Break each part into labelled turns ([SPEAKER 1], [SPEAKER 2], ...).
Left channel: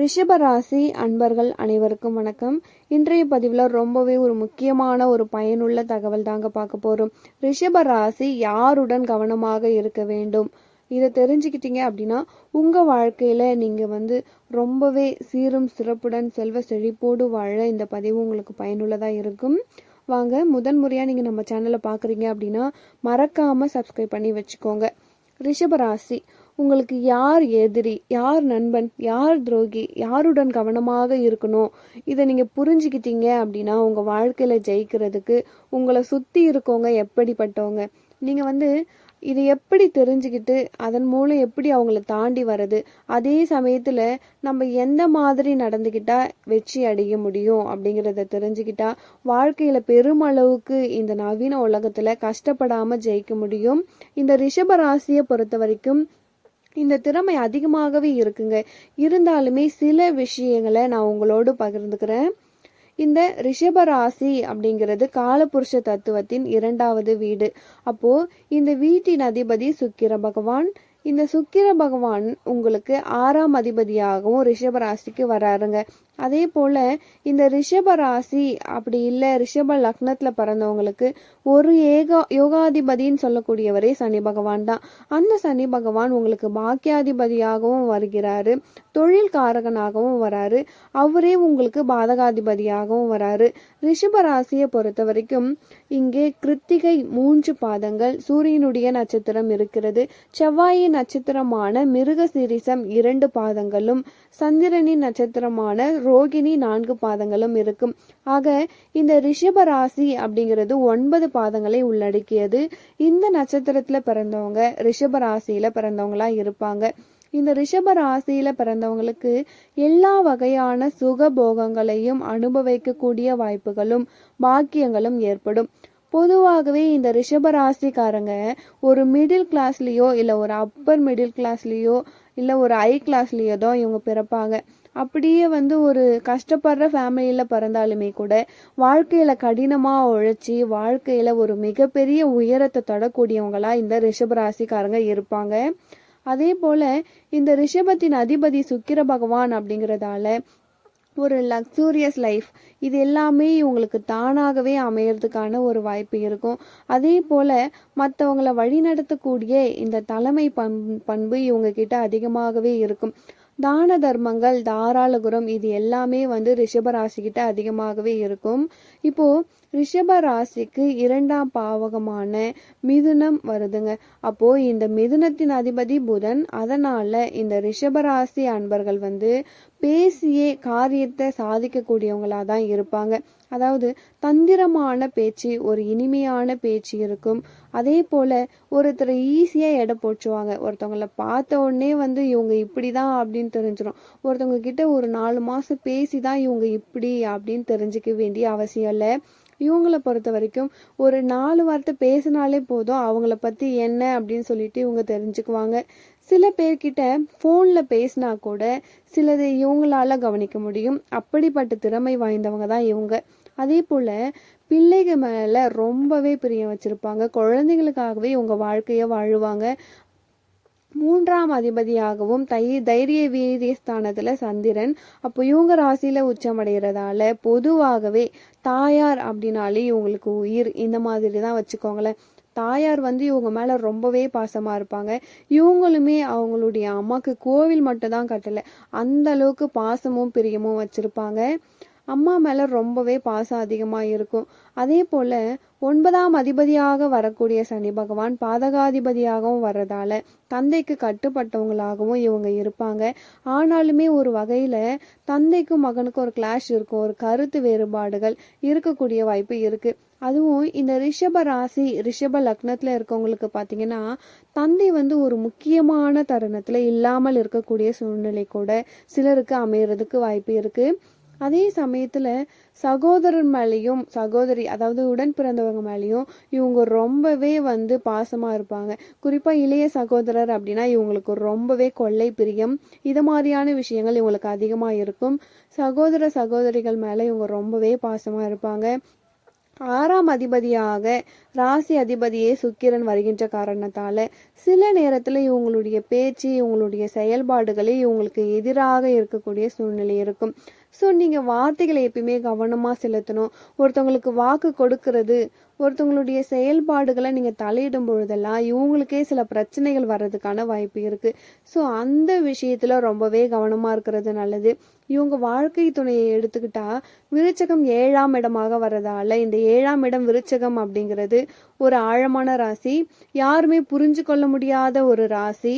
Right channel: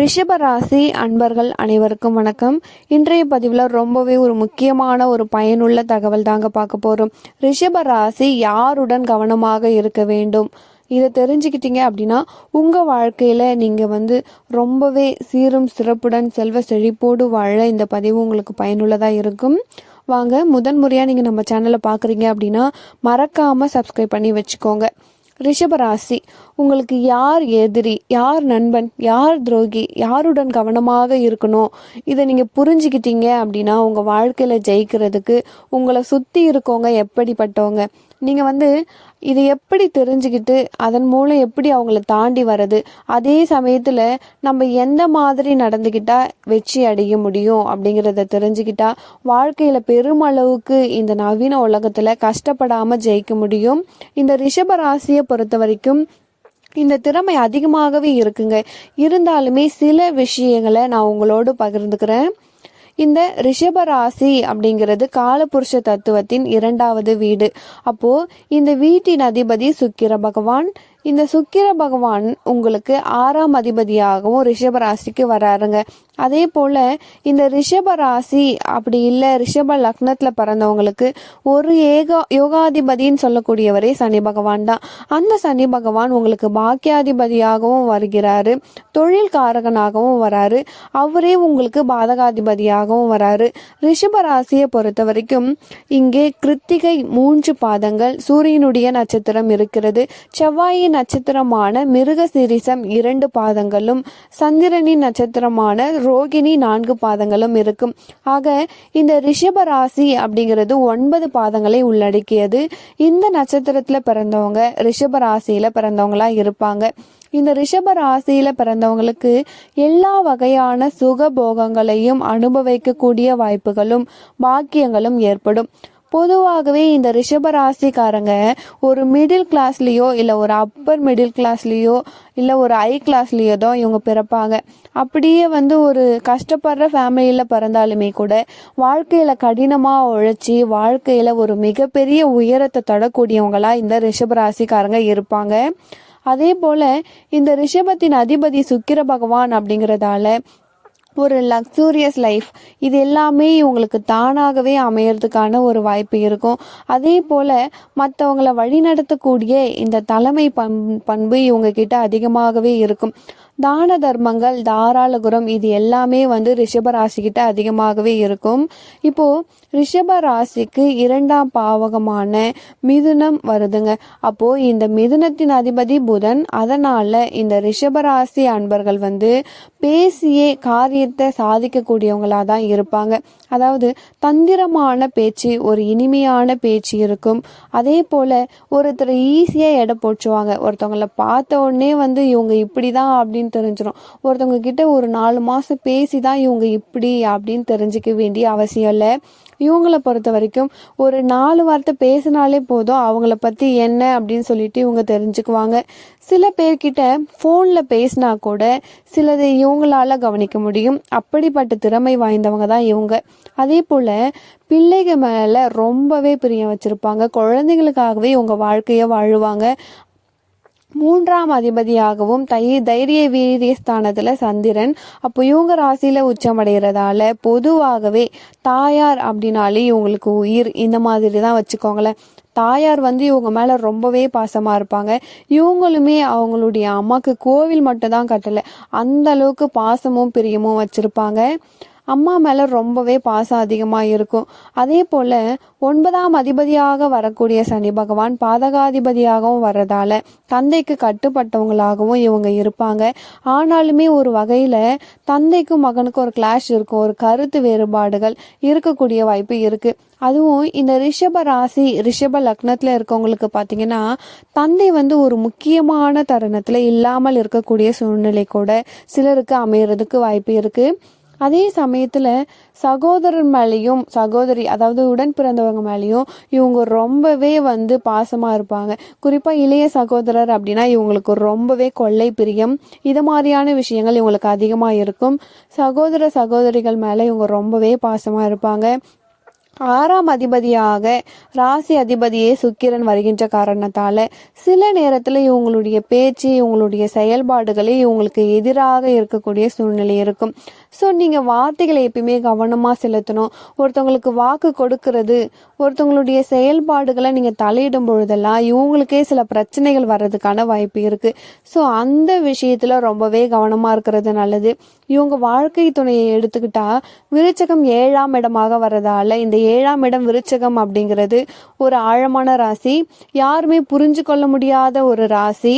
[SPEAKER 1] ரிஷபராசி அன்பர்கள் அனைவருக்கும் வணக்கம். இன்றைய பதிவில் ரொம்பவே ஒரு முக்கியமான ஒரு பயனுள்ள தகவல் தாங்க பார்க்க போகிறோம் ரிஷபராசி யாருடன் கவனமாக இருக்க வேண்டும்? இதை தெரிஞ்சுக்கிட்டீங்க அப்படின்னா உங்கள் வாழ்க்கையில் நீங்கள் வந்து ரொம்பவே சீரும் சிறப்புடன் செல்வ செழிப்போடு வாழ இந்த பதிவு உங்களுக்கு பயனுள்ளதாக இருக்கும். வாங்க முதன் முறையாக நீங்கள் நம்ம சேனலை பார்க்குறீங்க அப்படின்னா மறக்காமல் சப்ஸ்கிரைப் பண்ணி வச்சுக்கோங்க. ரிஷபராசி உங்களுக்கு யார் எதிரி யார் நண்பன் யார் துரோகி யாருடன் கவனமாக இருக்கணும்? இதை நீங்கள் புரிஞ்சுக்கிட்டீங்க அப்படின்னா உங்கள் வாழ்க்கையில் ஜெயிக்கிறதுக்கு உங்களை சுற்றி இருக்கவங்க எப்படிப்பட்டவங்க? நீங்கள் வந்து இதை எப்படி தெரிஞ்சுக்கிட்டு அதன் மூலம் எப்படி அவங்கள தாண்டி வர்றது? அதே சமயத்தில் நம்ம எந்த மாதிரி நடந்துக்கிட்டால் வெற்றி அடைய முடியும் அப்படிங்கிறத தெரிஞ்சுக்கிட்டா வாழ்க்கையில் பெருமளவுக்கு இந்த நவீன உலகத்தில் கஷ்டப்படாமல் ஜெயிக்க முடியும். இந்த ரிஷப ராசியை பொறுத்த வரைக்கும் இந்த திறமை அதிகமாகவே இருக்குங்க. இருந்தாலுமே சில விஷயங்களை நான் உங்களோடு பகிர்ந்துக்கிறேன். இந்த ரிஷப ராசி அப்படிங்கிறது காலபுருஷ தத்துவத்தின் இரண்டாவது வீடு. அப்போ இந்த வீட்டின் அதிபதி சுக்கிர பகவான். இந்த சுக்கிர பகவான் உங்களுக்கு ஆறாம் அதிபதியாகவும் ரிஷபராசிக்கு வராருங்க. அதே போல் இந்த ரிஷப ராசி அப்படி இல்லை ரிஷப லக்னத்தில் பிறந்தவங்களுக்கு ஒரு ஏகா யோகாதிபதின்னு சொல்லக்கூடியவரே சனி பகவான் தான். அந்த சனி பகவான் உங்களுக்கு பாக்கியாதிபதியாகவும் வருகிறாரு. தொழில் காரகனாகவும் வராரு. அவரே உங்களுக்கு பாதகாதிபதியாகவும் வராரு. ரிஷப ராசியை பொறுத்த வரைக்கும் இங்கே கிருத்திகை மூன்று பாதங்கள் சூரியனுடைய நட்சத்திரம் இருக்கிறது. செவ்வாயின் நட்சத்திரமான மிருக சிரிசம் இரண்டு பாதங்களும் சந்திரனின் நட்சத்திரமான ரோகிணி நான்கு பாதங்களும் இருக்கும். ஆக இந்த ரிஷப ராசி அப்படிங்கிறது ஒன்பது பாதங்களை உள்ளடக்கியது. இந்த நட்சத்திரத்தில் பிறந்தவங்க ரிஷப ராசியில் பிறந்தவங்களா இருப்பாங்க. இந்த ரிஷப ராசியில பிறந்தவங்களுக்கு எல்லா வகையான சுக போகங்களையும் அனுபவிக்கக்கூடிய வாய்ப்புகளும் பாக்கியங்களும் ஏற்படும். பொதுவாகவே இந்த ரிஷப ராசிக்காரங்க ஒரு மிடில் கிளாஸ்லேயோ இல்லை ஒரு அப்பர் மிடில் கிளாஸ்லேயோ இல்லை ஒரு ஹை கிளாஸ்லேயோ தான் இவங்க பிறப்பாங்க. அப்படியே வந்து ஒரு கஷ்டப்படுற ஃபேமிலியில் பிறந்தாலுமே கூட வாழ்க்கையில் கடினமாக உழைச்சி வாழ்க்கையில் ஒரு மிகப்பெரிய உயரத்தை தொடக்கூடியவங்களாக இந்த ரிஷப ராசிக்காரங்க இருப்பாங்க. அதே போல் இந்த ரிஷபத்தின் அதிபதி சுக்கிர பகவான் அப்படிங்கிறதால ஒரு லக்ஸூரியஸ் லைஃப் இது எல்லாமே இவங்களுக்கு தானாகவே அமையறதுக்கான ஒரு வாய்ப்பு இருக்கும். அதே போல் மற்றவங்களை வழிநடத்தக்கூடிய இந்த தலைமை பண் பண்பு இவங்க கிட்ட அதிகமாகவே இருக்கும். தான தர்மங்கள் தாராள குரம் இது எல்லாமே வந்து ரிஷப ராசிக்கிட்ட அதிகமாகவே இருக்கும். இப்போது ரிஷப ராசிக்கு இரண்டாம் பாவகமான மிதுனம் வருதுங்க. அப்போது இந்த மிதுனத்தின் அதிபதி புதன் அதனால் இந்த ரிஷப ராசி அன்பர்கள் வந்து பேசியே காரியத்தை சாதிக்கக்கூடியவங்களாக தான் இருப்பாங்க. அதாவது தந்திரமான பேச்சு ஒரு இனிமையான பேச்சு இருக்கும். அதே போல் ஒருத்தர் ஈஸியாக எடை போச்சுவாங்க ஒருத்தவங்கள பார்த்த உடனே வந்து இவங்க இப்படி தான் அப்படின்னு தெரிஞ்சிடும் ஒருத்தவங்க கிட்ட ஒரு நாலு மாதம் பேசி தான் இவங்க இப்படி அப்படின்னு தெரிஞ்சுக்க வேண்டிய அவசியம் இல்லை. இவங்கள பொறுத்த வரைக்கும் ஒரு நாலு வார்த்தை பேசினாலே போதும் அவங்கள பற்றி என்ன அப்படின்னு சொல்லிட்டு இவங்க தெரிஞ்சுக்குவாங்க. சில பேர்கிட்ட ஃபோனில் பேசினா கூட சிலதை இவங்களால கவனிக்க முடியும். அப்படிப்பட்ட திறமை வாய்ந்தவங்க தான் இவங்க. அதே போல் பிள்ளைகள் மேலே ரொம்பவே பிரியம் வச்சுருப்பாங்க. குழந்தைங்களுக்காகவே இவங்க வாழ்க்கையை வாழுவாங்க. மூன்றாம் அதிபதியாகவும் தை தைரிய வீரிய ஸ்தானத்தில் சந்திரன். அப்போ இவங்க ராசியில் உச்சமடைகிறதால பொதுவாகவே தாயார் அப்படின்னாலே இவங்களுக்கு உயிர் இந்த மாதிரி தான் வச்சுக்கோங்களேன். தாயார் வந்து இவங்க மேலே ரொம்பவே பாசமாக இருப்பாங்க. இவங்களுமே அவங்களுடைய அம்மாவுக்கு கோவில் மட்டும் தான் கட்டலை. அந்த அளவுக்கு பாசமும் பிரியமும் வச்சுருப்பாங்க. அம்மா மேலே ரொம்பவே பாசம் அதிகமாக இருக்கும். அதே போல் ஒன்பதாம் அதிபதியாக வரக்கூடிய சனி பகவான் பாதகாதிபதியாகவும் வர்றதால தந்தைக்கு கட்டுப்பட்டவங்களாகவும் இவங்க இருப்பாங்க. ஆனாலுமே ஒரு வகையில் தந்தைக்கும் மகனுக்கும் ஒரு கிளாஷ் இருக்கும். ஒரு கருத்து வேறுபாடுகள் இருக்கக்கூடிய வாய்ப்பு இருக்குது அதுவும் இந்த ரிஷப ராசி ரிஷப லக்னத்தில் இருக்கவங்களுக்கு பார்த்தீங்கன்னா தந்தை வந்து ஒரு முக்கியமான தருணத்தில் இல்லாமல் இருக்கக்கூடிய சூழ்நிலை கூட சிலருக்கு அமையறதுக்கு வாய்ப்பு இருக்குது அதே சமயத்தில் சகோதரர் மேலேயும் சகோதரி அதாவது உடன் பிறந்தவங்க மேலேயும் இவங்க ரொம்பவே வந்து பாசமாக இருப்பாங்க. குறிப்பாக இளைய சகோதரர் அப்படின்னா இவங்களுக்கு ரொம்பவே கொள்ளை பிரியம். இது மாதிரியான விஷயங்கள் இவங்களுக்கு அதிகமாக இருக்கும். சகோதர சகோதரிகள் மேலே இவங்க ரொம்பவே பாசமாக இருப்பாங்க. ஆறாம் அதிபதியாக ராசி அதிபதியே சுக்கிரன் வருகின்ற காரணத்தால் சில நேரத்தில் இவங்களுடைய பேச்சு இவங்களுடைய செயல்பாடுகளே இவங்களுக்கு எதிராக இருக்கக்கூடிய சூழ்நிலை இருக்கும். ஸோ நீங்கள் வார்த்தைகளை எப்பயுமே கவனமாக செலுத்தணும். ஒருத்தவங்களுக்கு வாக்கு கொடுக்கறது ஒருத்தவங்களுடைய செயல்பாடுகளை நீங்கள் தலையிடும் பொழுதெல்லாம் இவங்களுக்கே சில பிரச்சனைகள் வர்றதுக்கான வாய்ப்பு இருக்குது ஸோ அந்த விஷயத்தில் ரொம்பவே கவனமாக இருக்கிறது நல்லது. இவங்க வாழ்க்கை துணையை எடுத்துக்கிட்டா விருச்சகம் ஏழாம் இடமாக வர்றதால இந்த ஏழாம் இடம் விருச்சகம் அப்படிங்கிறது ஒரு ஆழமான ராசி. யாருமே புரிஞ்சு கொள்ள முடியாத ஒரு ராசி.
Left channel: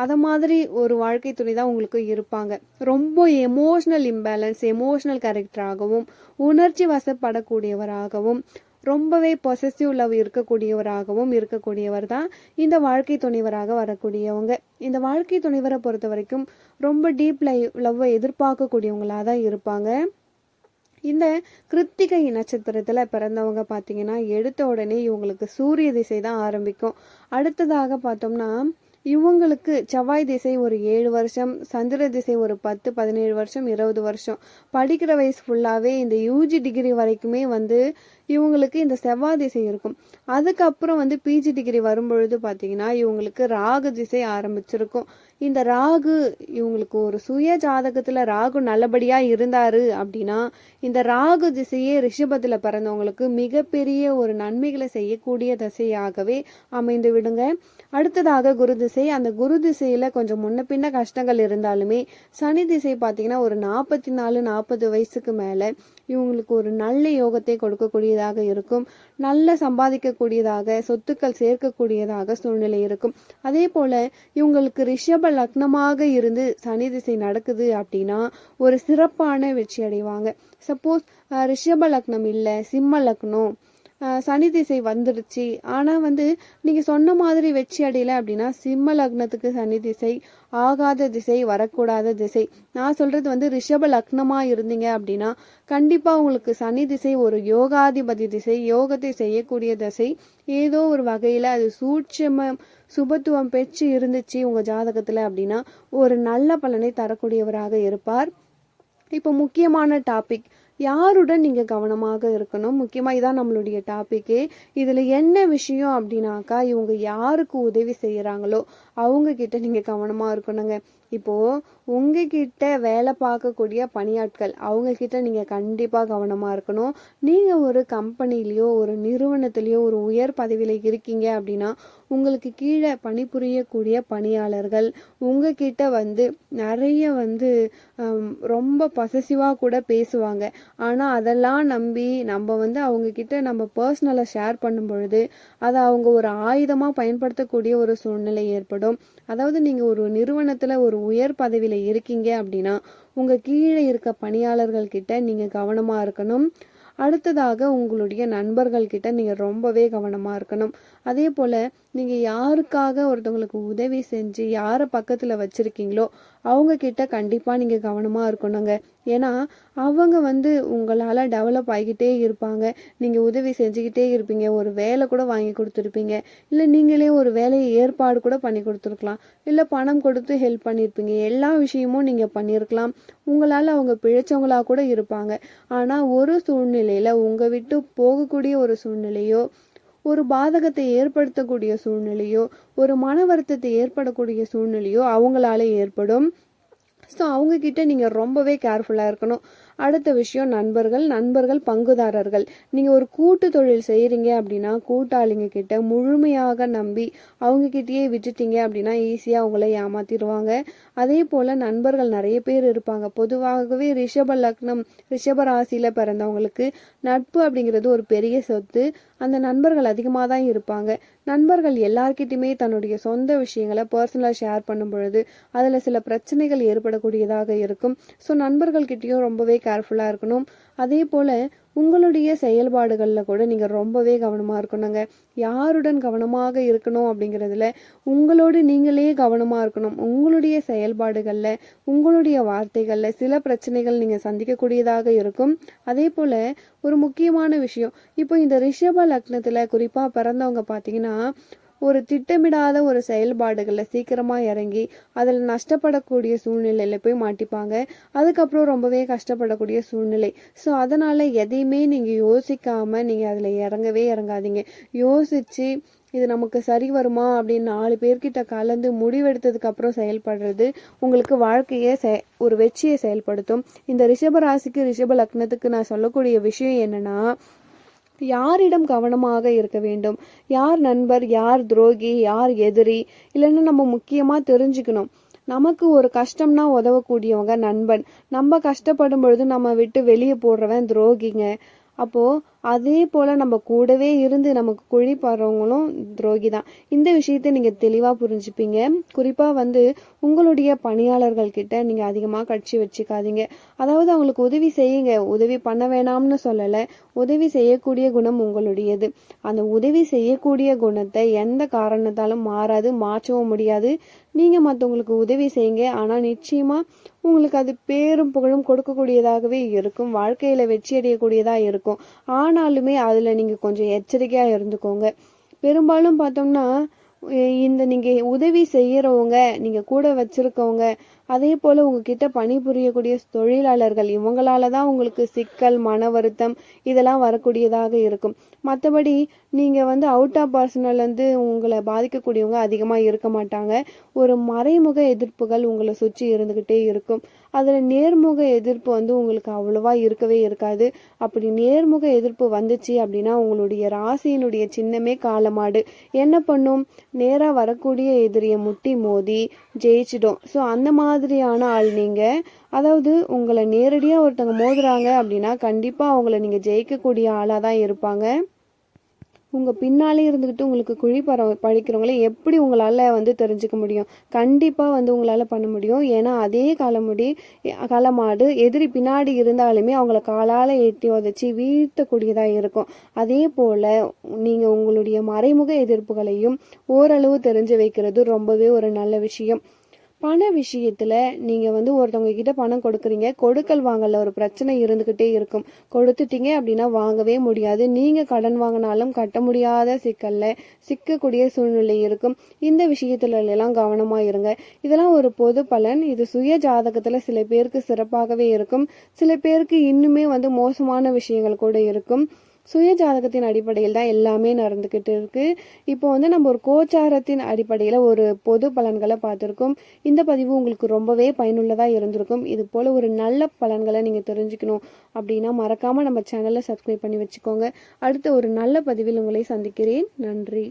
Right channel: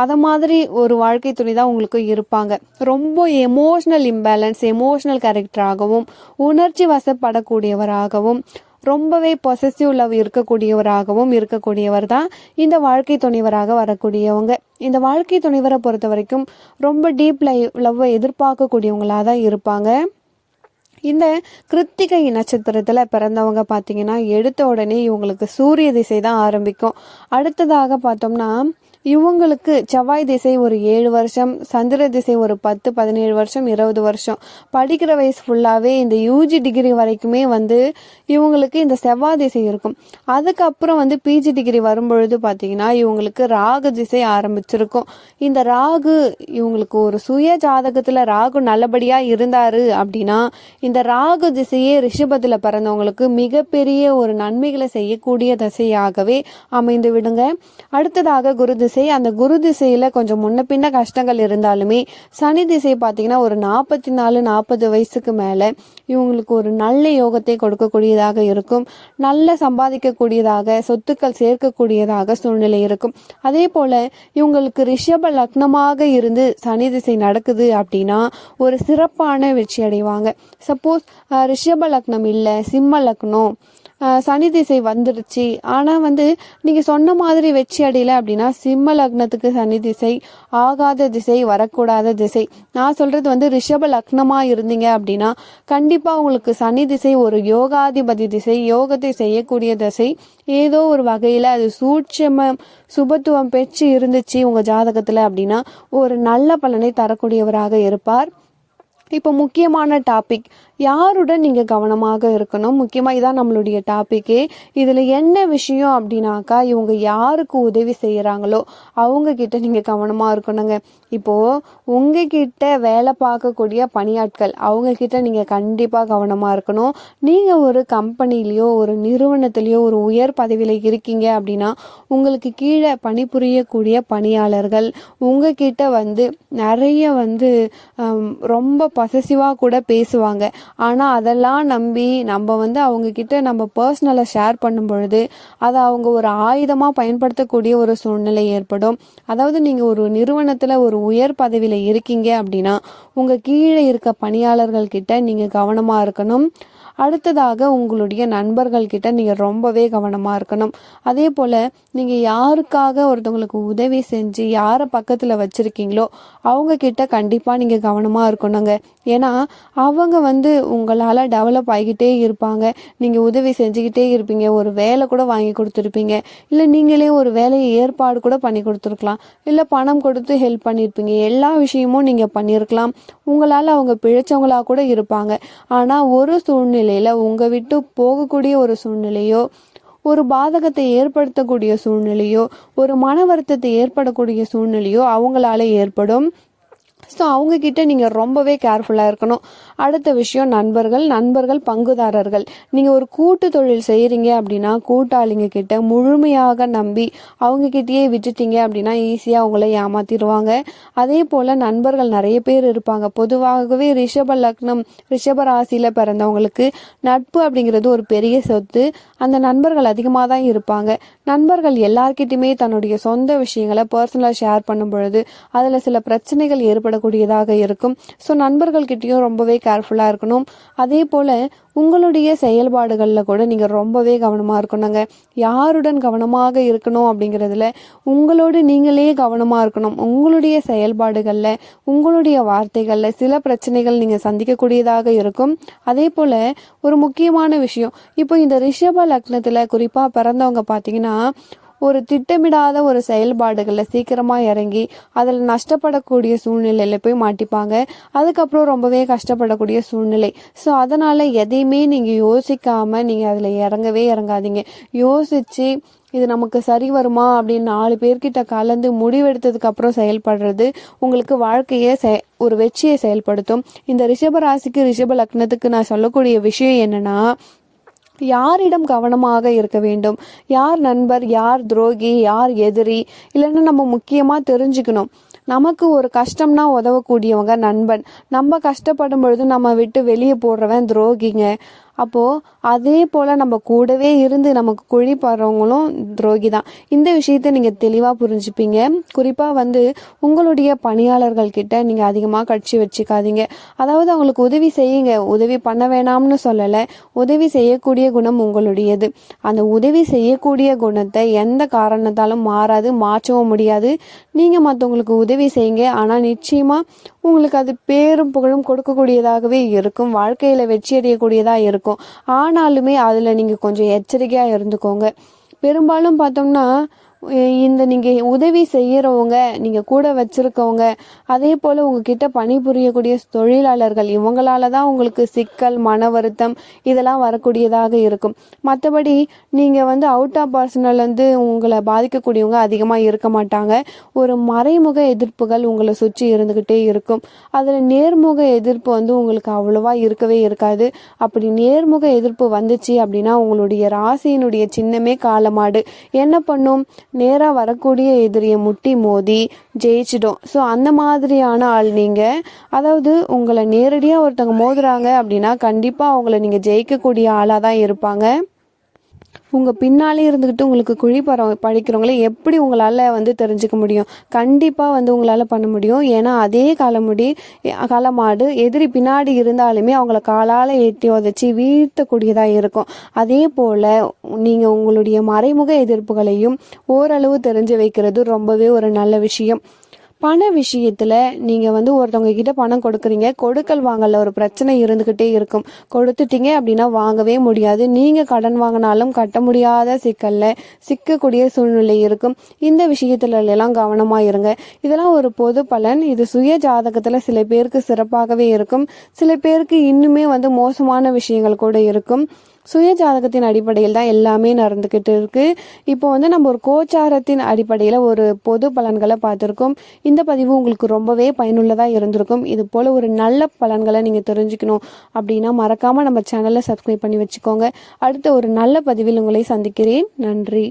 [SPEAKER 1] அதை மாதிரி ஒரு வாழ்க்கை துணை தான் உங்களுக்கு இருப்பாங்க. ரொம்ப எமோஷ்னல் இம்பேலன்ஸ் எமோஷ்னல் கேரக்டராகவும் உணர்ச்சி வசப்படக்கூடியவராகவும் ரொம்பவே பொசசிவ் லவ் இருக்கக்கூடியவராகவும் இருக்கக்கூடியவர் தான் இந்த வாழ்க்கை துணைவராக வரக்கூடியவங்க. இந்த வாழ்க்கை துணைவரை பொறுத்த வரைக்கும் ரொம்ப டீப் லை லவ்வை எதிர்பார்க்கக்கூடியவங்களாக தான் இருப்பாங்க. இந்த கிருத்திகை நட்சத்திரத்தில் பிறந்தவங்க பார்த்தீங்கன்னா எடுத்த உடனே இவங்களுக்கு சூரிய திசை தான் ஆரம்பிக்கும். அடுத்ததாக பார்த்தோம்னா இவங்களுக்கு செவ்வாய் திசை ஒரு ஏழு வருஷம் சந்திர திசை ஒரு பத்து பதினேழு வருஷம் இருபது வருஷம். படிக்கிற வயசு ஃபுல்லாகவே இந்த யூஜி டிகிரி வரைக்குமே வந்து இவங்களுக்கு இந்த செவ்வாய் திசை இருக்கும். அதுக்கப்புறம் வந்து பிஜி டிகிரி வரும்பொழுது பார்த்தீங்கன்னா இவங்களுக்கு ராகு திசை ஆரம்பிச்சிருக்கும். இந்த ராகு இவங்களுக்கு ஒரு சுய ஜாதகத்தில் ராகு நல்லபடியாக இருந்தார் அப்படின்னா இந்த ராகு திசையே ரிஷபத்தில் பிறந்தவங்களுக்கு மிகப்பெரிய ஒரு நன்மைகளை செய்யக்கூடிய திசையாகவே அமைந்து விடுங்க அடுத்ததாக குரு திசை அந்த குரு திசையில் கொஞ்சம் முன்ன பின்ன கஷ்டங்கள் இருந்தாலுமே சனி திசை பார்த்தீங்கன்னா ஒரு நாற்பத்தி நாலு நாற்பது வயசுக்கு மேலே இவங்களுக்கு ஒரு நல்ல யோகத்தை கொடுக்கக்கூடியதாக இருக்கும். நல்ல சம்பாதிக்கக்கூடியதாக சொத்துக்கள் சேர்க்கக்கூடியதாக சூழ்நிலை இருக்கும். அதே போல் இவங்களுக்கு ரிஷப லக்னமாக இருந்து சனி திசை நடக்குது அப்படின்னா ஒரு சிறப்பான வெற்றி அடைவாங்க. சப்போஸ் ரிஷப லக்னம் இல்லை சிம்ம லக்னம் சனி திசை வந்துடுச்சு. ஆனால் வந்து நீங்கள் சொன்ன மாதிரி வெற்றி அடையலை அப்படின்னா சிம்ம லக்னத்துக்கு சனி திசை ஆகாத திசை வரக்கூடாத திசை. நான் சொல்கிறது வந்து ரிஷப லக்னமாக இருந்தீங்க அப்படின்னா கண்டிப்பாக உங்களுக்கு சனி திசை ஒரு யோகாதிபதி திசை யோகத்தை செய்யக்கூடிய திசை. ஏதோ ஒரு வகையில் அது சூட்சம சுபத்துவம் பெற்று இருந்துச்சு உங்கள் ஜாதகத்தில் அப்படின்னா ஒரு நல்ல பலனை தரக்கூடியவராக இருப்பார். இப்போ முக்கியமான டாபிக் யாருடன் நீங்கள் கவனமாக இருக்கணும்? முக்கியமாக இதான் நம்மளுடைய டாப்பிக்கே இதில் என்ன விஷயம் அப்படின்னாக்கா இவங்க யாருக்கு உதவி செய்கிறாங்களோ அவங்கக்கிட்ட நீங்கள் கவனமாக இருக்கணுங்க. இப்போது உங்ககிட்ட வேலை பார்க்கக்கூடிய பணியாட்கள் அவங்கக்கிட்ட நீங்கள் கண்டிப்பாக கவனமாக இருக்கணும். நீங்கள் ஒரு கம்பெனிலேயோ ஒரு நிறுவனத்திலேயோ ஒரு உயர் பதவியில் இருக்கீங்க அப்படின்னா உங்களுக்கு கீழே பணிபுரியக்கூடிய பணியாளர்கள் உங்ககிட்ட வந்து நிறைய வந்து ரொம்ப பசசிவாக கூட பேசுவாங்க. ஆனால் அதெல்லாம் நம்பி நம்ம வந்து அவங்கக்கிட்ட நம்ம பர்சனலை ஷேர் பண்ணும் பொழுது அதை அவங்க ஒரு ஆயுதமாக பயன்படுத்தக்கூடிய ஒரு சூழ்நிலை ஏற்படும். அதாவது நீங்கள் ஒரு நிறுவனத்தில் ஒரு உயர் பதவியில் இருக்கீங்க அப்படின்னா உங்கள் கீழே இருக்க பணியாளர்கள் கிட்ட நீங்கள் கவனமாக இருக்கணும். அடுத்ததாக உங்களுடைய நண்பர்கள் கிட்ட நீங்கள் ரொம்பவே கவனமாக இருக்கணும். அதே போல் நீங்கள் யாருக்காக ஒருத்தவங்களுக்கு உதவி செஞ்சு யாரை பக்கத்தில் வச்சுருக்கீங்களோ அவங்க கிட்ட கண்டிப்பாக நீங்கள் கவனமாக இருக்கணுங்க. ஏன்னா அவங்க வந்து உங்களால் டெவலப் ஆகிக்கிட்டே இருப்பாங்க. நீங்கள் உதவி செஞ்சுக்கிட்டே இருப்பீங்க. ஒரு வேலை கூட வாங்கி கொடுத்துருப்பீங்க. இல்லை நீங்களே ஒரு வேலையை ஏற்பாடு கூட பண்ணி கொடுத்துருக்கலாம். இல்லை பணம் கொடுத்து ஹெல்ப் பண்ணியிருப்பீங்க எல்லா விஷயமும் நீங்கள் பண்ணியிருக்கலாம் உங்களால் அவங்க பிழைச்சவங்களாக கூட இருப்பாங்க. ஆனால் ஒரு சூழ்நிலை சூழ்நிலையில் உங்கள் விட்டு போகக்கூடிய ஒரு சூழ்நிலையோ ஒரு பாதகத்தை ஏற்படுத்தக்கூடிய சூழ்நிலையோ ஒரு மன வருத்தத்தை ஏற்படக்கூடிய சூழ்நிலையோ அவங்களால ஏற்படும். ஸோ அவங்கக்கிட்ட நீங்கள் ரொம்பவே கேர்ஃபுல்லாக இருக்கணும். அடுத்த விஷயம் நண்பர்கள் நண்பர்கள் பங்குதாரர்கள். நீங்கள் ஒரு கூட்டு தொழில் செய்கிறீங்க அப்படின்னா கூட்டாளிங்க கிட்ட முழுமையாக நம்பி அவங்கக்கிட்டயே விட்டுட்டீங்க அப்படின்னா ஈஸியாக அவங்கள ஏமாத்திடுவாங்க அதே போல் நண்பர்கள் நிறைய பேர் இருப்பாங்க. பொதுவாகவே ரிஷப லக்னம் ரிஷப ராசியில் பிறந்தவங்களுக்கு நட்பு அப்படிங்கிறது ஒரு பெரிய சொத்து. அந்த நண்பர்கள் அதிகமாக தான் இருப்பாங்க. நண்பர்கள் எல்லார்கிட்டையுமே தன்னுடைய சொந்த விஷயங்களை பர்சனலாக ஷேர் பண்ணும் பொழுது அதில் சில பிரச்சனைகள் ஏற்படக்கூடியதாக இருக்கும். ஸோ நண்பர்கள்கிட்டையும் ரொம்பவே கேர்ஃபுல்லாக இருக்கணும். அதே போல் உங்களுடைய செயல்பாடுகளில் கூட நீங்கள் ரொம்பவே கவனமாக இருக்கணுங்க. யாருடன் கவனமாக இருக்கணும் அப்படிங்கிறதுல உங்களோடு நீங்களே கவனமாக இருக்கணும். உங்களுடைய செயல்பாடுகளில் உங்களுடைய வார்த்தைகளில் சில பிரச்சனைகள் நீங்கள் சந்திக்கக்கூடியதாக இருக்கும். அதே போல் ஒரு முக்கியமான விஷயம். இப்போ இந்த ரிஷப லக்னத்தில் குறிப்பாக பிறந்தவங்க பார்த்தீங்கன்னா ஒரு திட்டமிடாத ஒரு செயல்பாடுகளில் சீக்கிரமாக இறங்கி அதில் நஷ்டப்படக்கூடிய சூழ்நிலையில் போய் மாட்டிப்பாங்க. அதுக்கப்புறம் ரொம்பவே கஷ்டப்படக்கூடிய சூழ்நிலை. ஸோ அதனால் எதையுமே நீங்கள் யோசிக்காமல் நீங்கள் அதில் இறங்கவே இறங்காதீங்க. யோசித்து இது நமக்கு சரி வருமா அப்படின்னு நாலு பேர்கிட்ட கலந்து முடிவெடுத்ததுக்கப்புறம் செயல்படுறது உங்களுக்கு வாழ்க்கையை செ ஒரு வெற்றியை செயல்படுத்தும். இந்த ரிஷப ராசிக்கு ரிஷப லக்னத்துக்கு நான் சொல்லக்கூடிய விஷயம் என்னென்னா யாரிடம் கவனமாக இருக்க வேண்டும்? யார் நண்பர் யார் துரோகி யார் எதிரி? இல்லைன்னா நம்ம முக்கியமாக தெரிஞ்சுக்கணும். நமக்கு ஒரு கஷ்டம்னா உதவக்கூடியவங்க நண்பன். நம்ம கஷ்டப்படும் பொழுது நம்ம விட்டு வெளியே போடுறவன் துரோகிங்க. அப்போது அதே போல் நம்ம கூடவே இருந்து நமக்கு குழி போடுறவங்களும் துரோகி தான். இந்த விஷயத்தை நீங்கள் தெளிவாக புரிஞ்சுப்பீங்க. குறிப்பாக வந்து உங்களுடைய பணியாளர்கள் கிட்ட நீங்கள் அதிகமாக கட்சி வச்சுக்காதீங்க. அதாவது அவங்களுக்கு உதவி செய்யுங்க. உதவி பண்ண வேணாம்னு சொல்லலை. உதவி செய்யக்கூடிய குணம் உங்களுடையது. அந்த உதவி செய்யக்கூடிய குணத்தை எந்த காரணத்தாலும் மாறாது மாற்றவும் முடியாது. நீங்கள் மற்றவங்களுக்கு உதவி செய்யுங்க. ஆனால் நிச்சயமாக உங்களுக்கு அது பேரும் புகழும் கொடுக்கக்கூடியதாகவே இருக்கும். வாழ்க்கையில் வெற்றி அடையக்கூடியதாக இருக்கும். ஆனாலுமே அதில் நீங்கள் கொஞ்சம் எச்சரிக்கையாக இருந்துக்கோங்க. பெரும்பாலும் பார்த்தோம்னா இந்த நீங்கள் உதவி செய்கிறவங்க நீங்கள் கூட வச்சுருக்கவங்க அதே போல் உங்ககிட்ட பணிபுரியக்கூடிய தொழிலாளர்கள் இவங்களால தான் உங்களுக்கு சிக்கல் மன வருத்தம் இதெல்லாம் வரக்கூடியதாக இருக்கும். மற்றபடி நீங்கள் வந்து அவுட் ஆஃப் பர்சனல் வந்து உங்களை பாதிக்கக்கூடியவங்க அதிகமாக இருக்க மாட்டாங்க. ஒரு மறைமுக எதிர்ப்புகள் உங்களை சுற்றி இருந்துக்கிட்டே இருக்கும். அதில் நேர்முக எதிர்ப்பு வந்து உங்களுக்கு அவ்வளோவா இருக்கவே இருக்காது. அப்படி நேர்முக எதிர்ப்பு வந்துச்சு அப்படின்னா உங்களுடைய ராசியினுடைய சின்னமே காலமாடு. என்ன பண்ணும்? நேராக வரக்கூடிய எதிரியை முட்டி மோதி ஜெயிச்சிடும். ஸோ அந்த மாதிரியான ஆள் நீங்கள் அதாவது உங்களை நேரடியாக ஒருத்தவங்க மோதுறாங்க அப்படின்னா கண்டிப்பாக அவங்கள நீங்கள் ஜெயிக்கக்கூடிய ஆளாக தான் இருப்பாங்க. உங்கள் பின்னாலே இருந்துக்கிட்டு உங்களுக்கு குழி பற எப்படி உங்களால் வந்து தெரிஞ்சுக்க முடியும்? கண்டிப்பாக வந்து உங்களால் பண்ண முடியும். ஏன்னா அதே காலமுடி காலமாடு எதிரி பின்னாடி இருந்தாலுமே அவங்கள காலால் ஏற்றி உதச்சி வீழ்த்தக்கூடியதாக இருக்கும். அதே போல் நீங்கள் உங்களுடைய மறைமுக எதிர்ப்புகளையும் ஓரளவு தெரிஞ்சு வைக்கிறது ரொம்பவே ஒரு நல்ல விஷயம். பண விஷயத்தில் நீங்கள் வந்து ஒருத்தவங்க கிட்ட பணம் கொடுக்குறீங்க கொடுக்கல் வாங்கல ஒரு பிரச்சனை இருந்துக்கிட்டே இருக்கும். கொடுத்துட்டீங்க அப்படின்னா வாங்கவே முடியாது. நீங்கள் கடன் வாங்கினாலும் கட்ட முடியாத சிக்கலில் சிக்கக்கூடிய சூழ்நிலை இருக்கும். இந்த விஷயத்துல எல்லாம் கவனமாக இருங்க. இதெல்லாம் ஒரு பொது பலன். இது சுய ஜாதகத்தில் சில பேருக்கு சிறப்பாகவே இருக்கும். சில பேருக்கு இன்னுமே வந்து மோசமான விஷயங்கள் கூட இருக்கும். சுய ஜாதகத்தின் அடிப்படையில் தான் எல்லாமே நடந்துக்கிட்டு இருக்கு. இப்போ வந்து நம்ம ஒரு கோச்சாரத்தின் அடிப்படையில் ஒரு பொது பலன்களை பார்த்துருக்கோம். இந்த பதிவு உங்களுக்கு ரொம்பவே பயனுள்ளதாக இருந்திருக்கும். இது போல் ஒரு நல்ல பலன்களை நீங்கள் தெரிஞ்சுக்கணும் அப்படின்னா மறக்காமல் நம்ம சேனலை சப்ஸ்கிரைப் பண்ணி வச்சுக்கோங்க. அடுத்த ஒரு நல்ல பதிவில் உங்களை சந்திக்கிறேன். நன்றி.